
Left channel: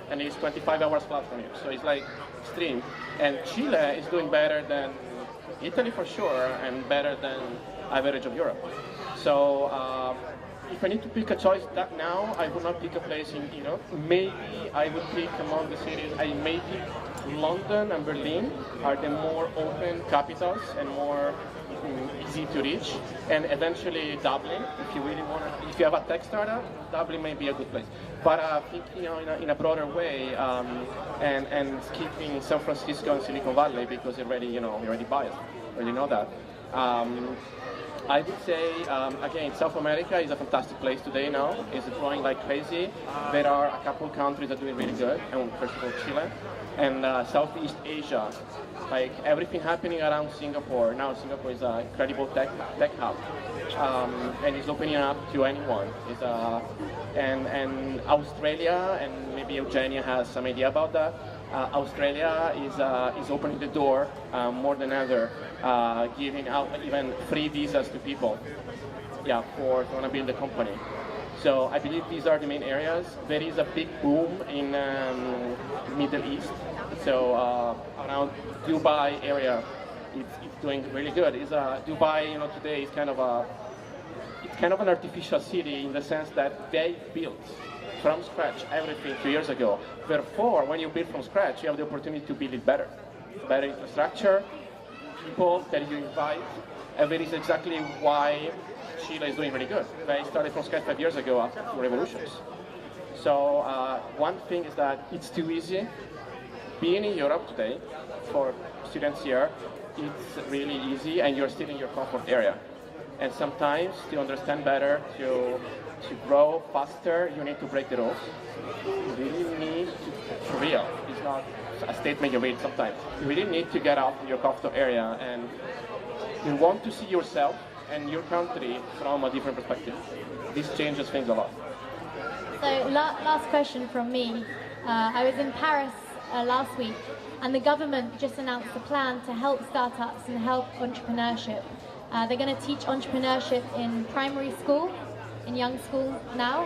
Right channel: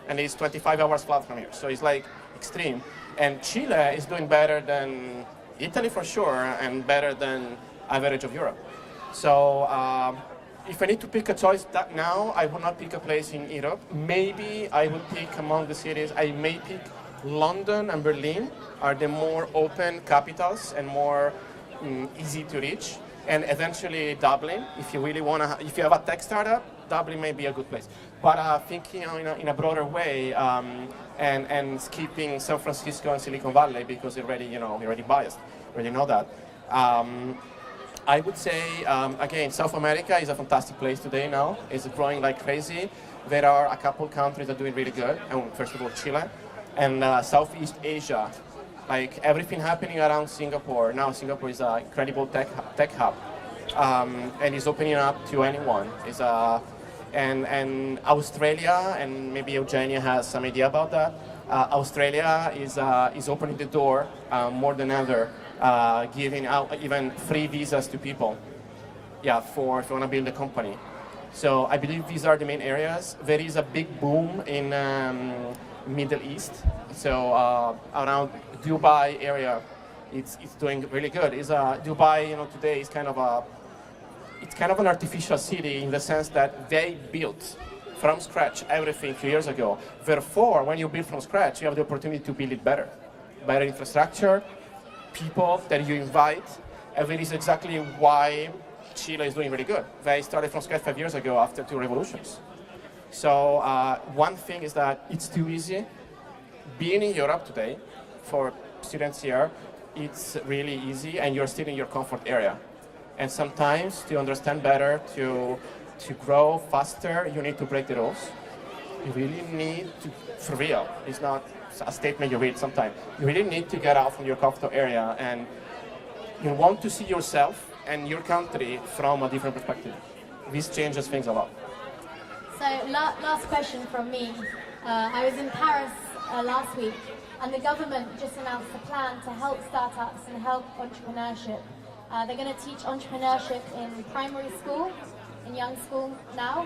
And it's 25 hours flight from here, so it's like extreme. And Chile is doing better than Italy for sure, and better than average of Europe. So if I need to pick a choice now, I would not pick a place in Europe. Maybe I would pick among the cities, I may pick London and Berlin are the more open capitals and more easy to reach, and eventually Dublin. If you really want to, if you have a tech startup, Dublin may be a good place. But thinking in a broader way, and skipping San Francisco and Silicon Valley because you're already biased, you already know that. I would say, again, South America is a fantastic place today now. It's growing like crazy. There are a couple countries that are doing really good. And first of all, Chile. And Southeast Asia, like everything happening around Singapore. Now Singapore is an incredible tech hub. And it's opening up to anyone. And Australia, and maybe Eugenia has some idea about that. Australia is opening the door more than ever, giving out even free visas to people, for if you want to build a company. So I believe these are the main areas. There is a big boom in Middle East. So around Dubai area, it's doing really good. Dubai, today is kind of an artificial city in the sense that they built from scratch everything 2 years ago. Therefore, when you build from scratch, you have the opportunity to build it better. Better infrastructure, people that you invite, and that is exactly why Chile is doing really good. They started from scratch 5 years ago after 2 revolutions. So one thing is that it's too easy. Being in Europe today, for students here, it's really easy and you're still in your comfort area. And sometimes to understand better, to grow faster, you need to break the rules. You really need to, for real, it's not a statement you read sometimes. You really need to get out from your comfort area and you want to see yourself and your country from a different perspective. This changes things a lot. So last question from me. I was in Paris last week, and the government just announced a plan to help startups and help entrepreneurship. They're going to teach entrepreneurship in primary school, in young school now.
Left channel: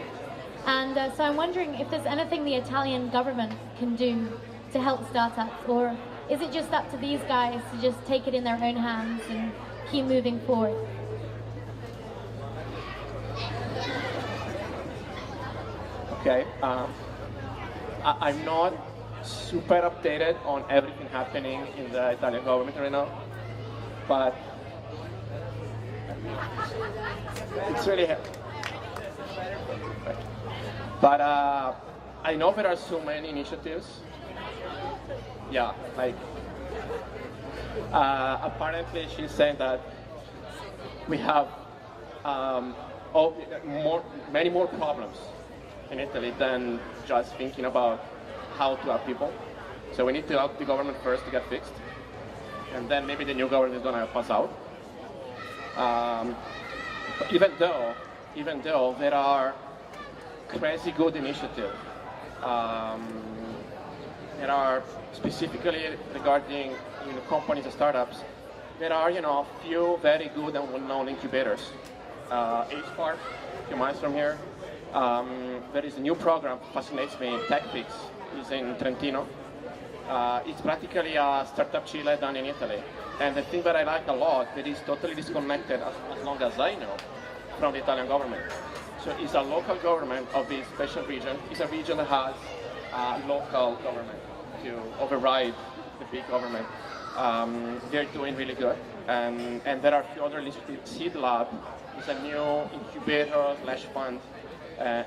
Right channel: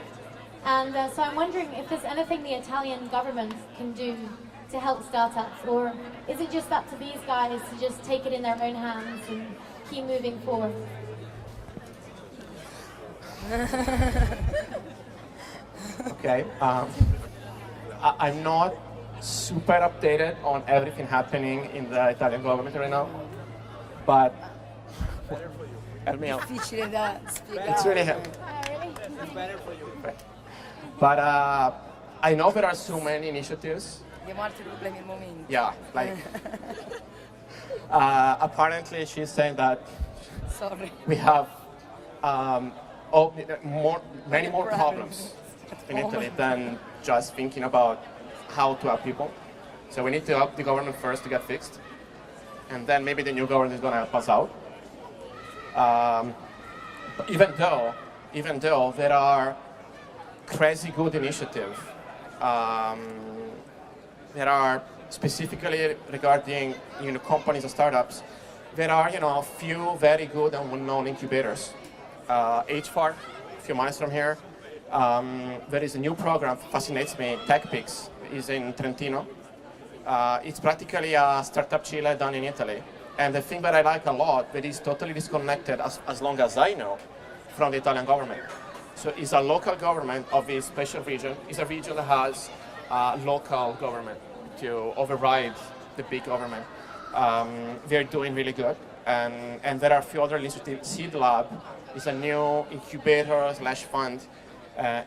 And so I'm wondering if there's anything the Italian government can do to help startups, or is it just up to these guys to just take it in their own hands and keep moving forward? Okay, I'm not super updated on everything happening in the Italian government right now, but help me out. It's really helpful. But I know there are so many initiatives. Yeah, like apparently she's saying that we have many more problems in Italy than just thinking about how to help people. So we need to help the government first to get fixed, and then maybe the new government is going to help us out. Even though there are crazy good initiatives, there are specifically regarding companies and startups. There are a few very good and well-known incubators. HFAR, a few miles from here. There is a new program, fascinates me, TechPix, is in Trentino. It's practically a startup Chile done in Italy. And the thing that I like a lot, that is totally disconnected, as long as I know, from the Italian government. So it's a local government of this special region. It's a region that has local government to override the big government. They're doing really good. And there are a few other initiatives. Seed Lab is a new incubator/fund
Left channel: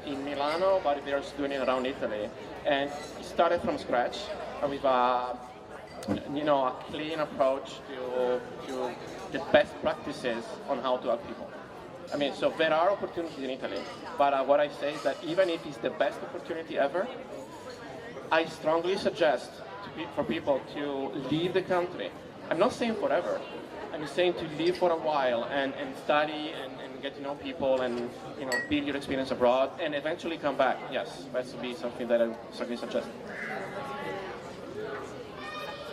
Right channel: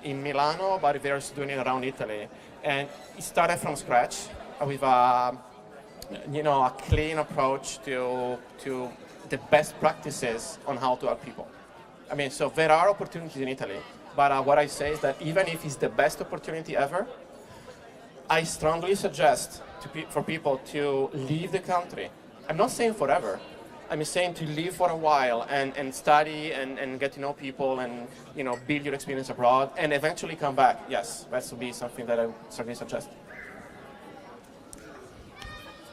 in Milano, but they're doing it around Italy. And it started from scratch with a clean approach to the best practices on how to help people. I mean, so there are opportunities in Italy, but what I say is that even if it's the best opportunity ever, I strongly suggest for people to leave the country. I'm not saying forever. I'm saying to live for a while and study and get to know people and build your experience abroad and eventually come back. Yes, that would be something that I would certainly suggest.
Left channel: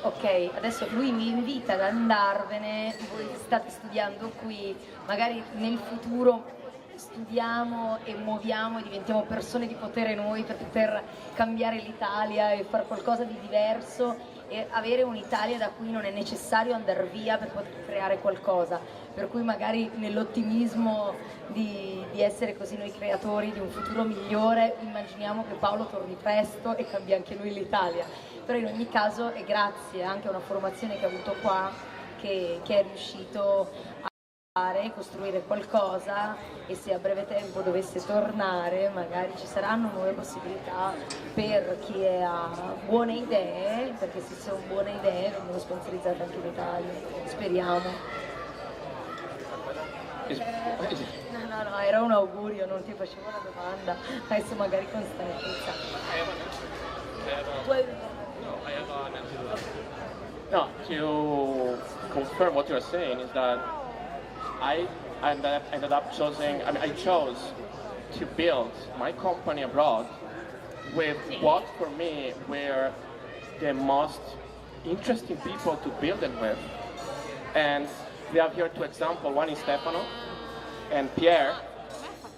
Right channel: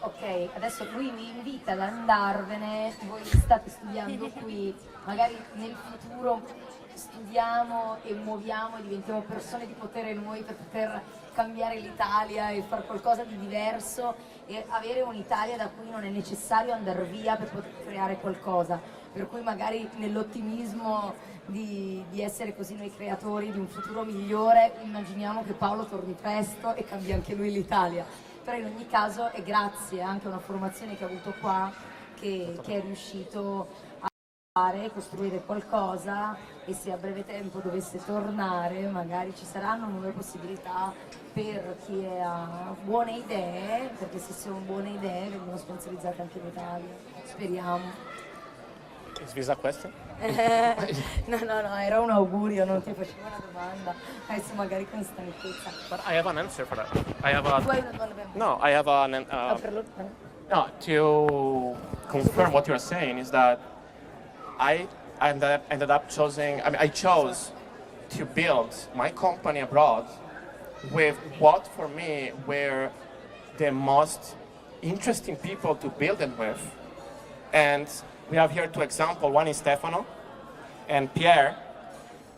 Ok, adesso lui mi invita ad andarvene, voi state studiando qui, magari nel futuro studiamo e muoviamo e diventiamo persone di potere noi per poter cambiare l'Italia e fare qualcosa di diverso e avere un'Italia da cui non è necessario andare via per poter creare qualcosa, per cui magari nell'ottimismo di essere così noi creatori di un futuro migliore immaginiamo che Paolo torni presto e cambi anche lui l'Italia. Però in ogni caso è grazie anche a una formazione che ha avuto qua che è riuscito a fare, costruire qualcosa, e se a breve tempo dovesse tornare magari ci saranno nuove possibilità per chi ha buone idee, perché se sono buone idee vengono sponsorizzate anche in Italia, speriamo. Is that question? No, era un augurio, non ti facevo una domanda. Adesso magari con stanchezza. But I have an answer for that. I have a Poi- no. I have an no. To confirm what you're saying is that I ended up choosing. I mean, I chose to build my company abroad with what for me were the most interesting people to build them with. And we have here two examples. One is Stefano and Pierre.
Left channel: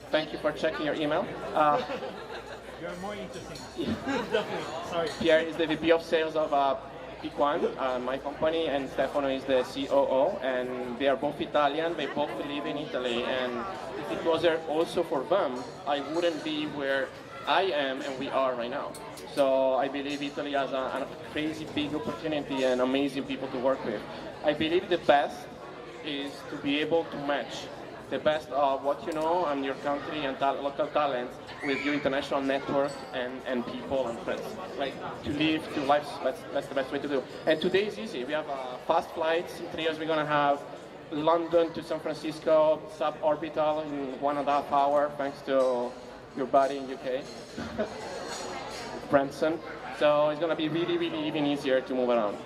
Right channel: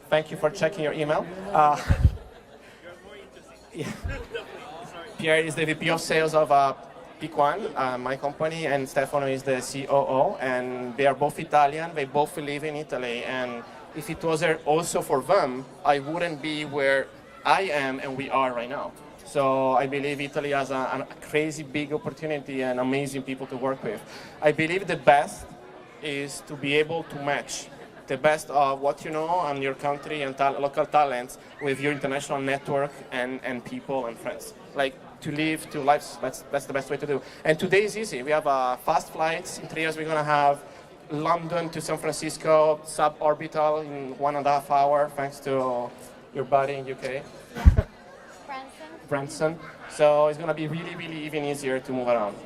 Thank you for checking your email. You're more interesting. Definitely. Sorry. Pierre is the VP of sales of P1, my company, and Stefano is the COO. And they are both Italian. They both live in Italy. And if it wasn't also for them, I wouldn't be where I am and we are right now. So I believe Italy has a crazy big opportunity and amazing people to work with. I believe the best is to be able to match the best of what you know and your country and local talents with your international network and people and friends. Like to live two lives, that's the best way to do. And today is easy. We have fast flights. In 3 years we're going to have London to San Francisco, suborbital in 1.5 hours, thanks to your buddy in UK. Branson. So it's going to be really, really even easier to move around.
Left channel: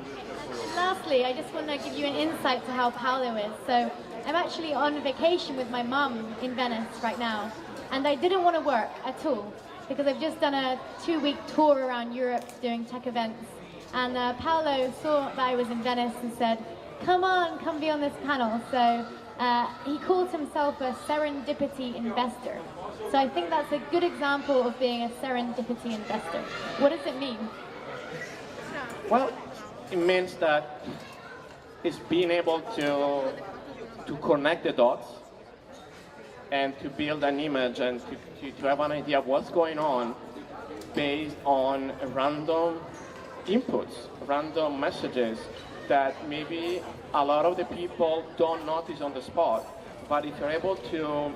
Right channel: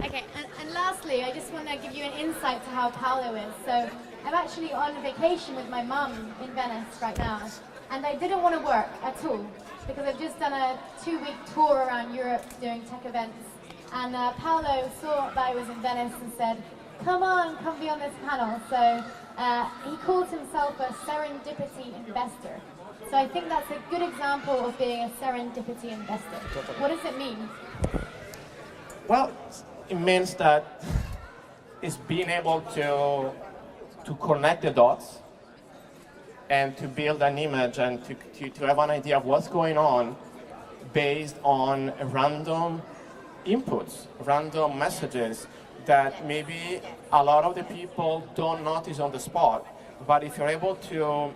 Okay, and lastly, I just want to give you an insight to how Paolo is. So I'm actually on vacation with my mum in Venice right now, and I didn't want to work at all because I've just done a 2-week tour around Europe doing tech events, and Paolo saw that I was in Venice and said, come on, come be on this panel. So he calls himself a serendipity investor. So I think that's a good example of being a serendipity investor. What does it mean? Well, it means that it's being able to connect the dots and to build an image and to have an idea of what's going on based on random inputs, random messages that maybe a lot of the people don't notice on the spot, but if you're able to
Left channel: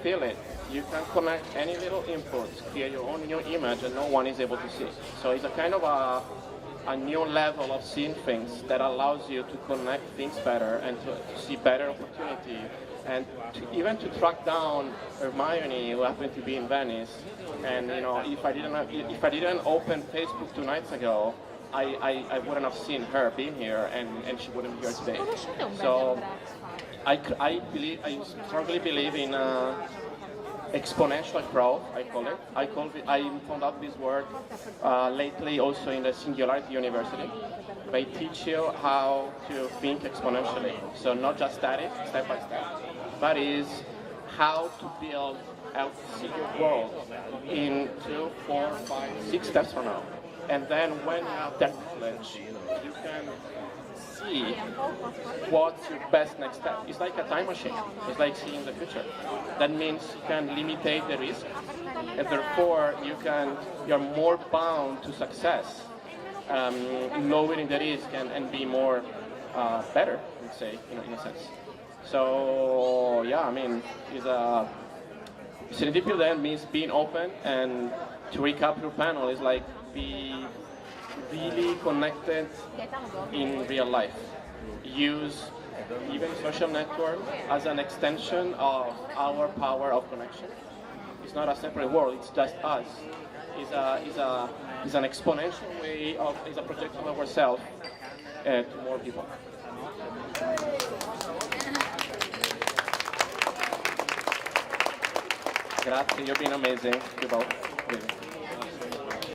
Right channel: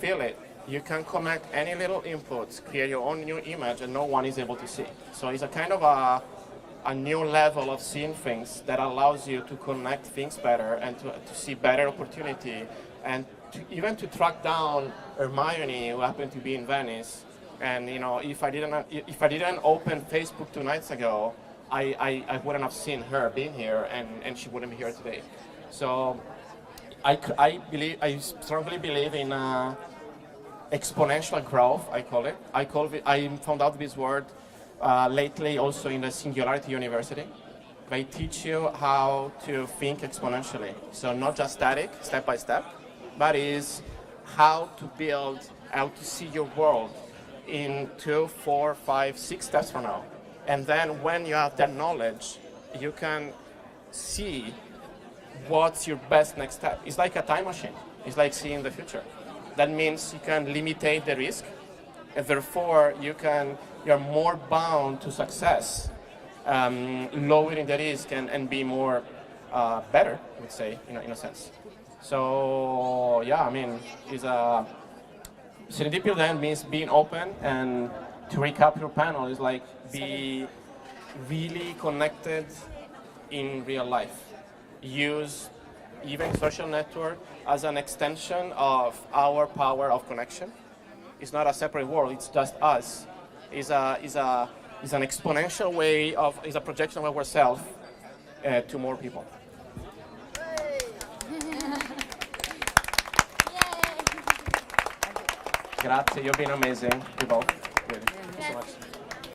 feel it, you can connect any little inputs, create your own new image and no one is able to see. So it's a kind of a new level of seeing things that allows you to connect things better and to see better opportunity and even to track down Hermione, who happened to be in Venice. And you know, if I didn't open Facebook 2 nights ago, I wouldn't have seen her being here and she wouldn't be here today. So I strongly believe in exponential growth, I call it. I found out this word lately also in the Singularity University. They teach you how to think exponentially. So not just static, step by step, but is how to build, how to see your world in 2, 4, 5, 6 steps from now. And then when you have that knowledge, you can see what's your best next step. It's like a time machine. It's like seeing the future. That means you can limitate the risk, and therefore you're more bound to success, lowering the risk and be more better, I would say, in a sense. So yeah, I mean, serendipity then means being open, and to recap your panel is like be really connected in real life. Use even social network as an extension of our power of connection. It's not a separate world, it's just us. It's an exponential way of, it's a projection of ourselves to more people. Grazie, you've been amazing, you both.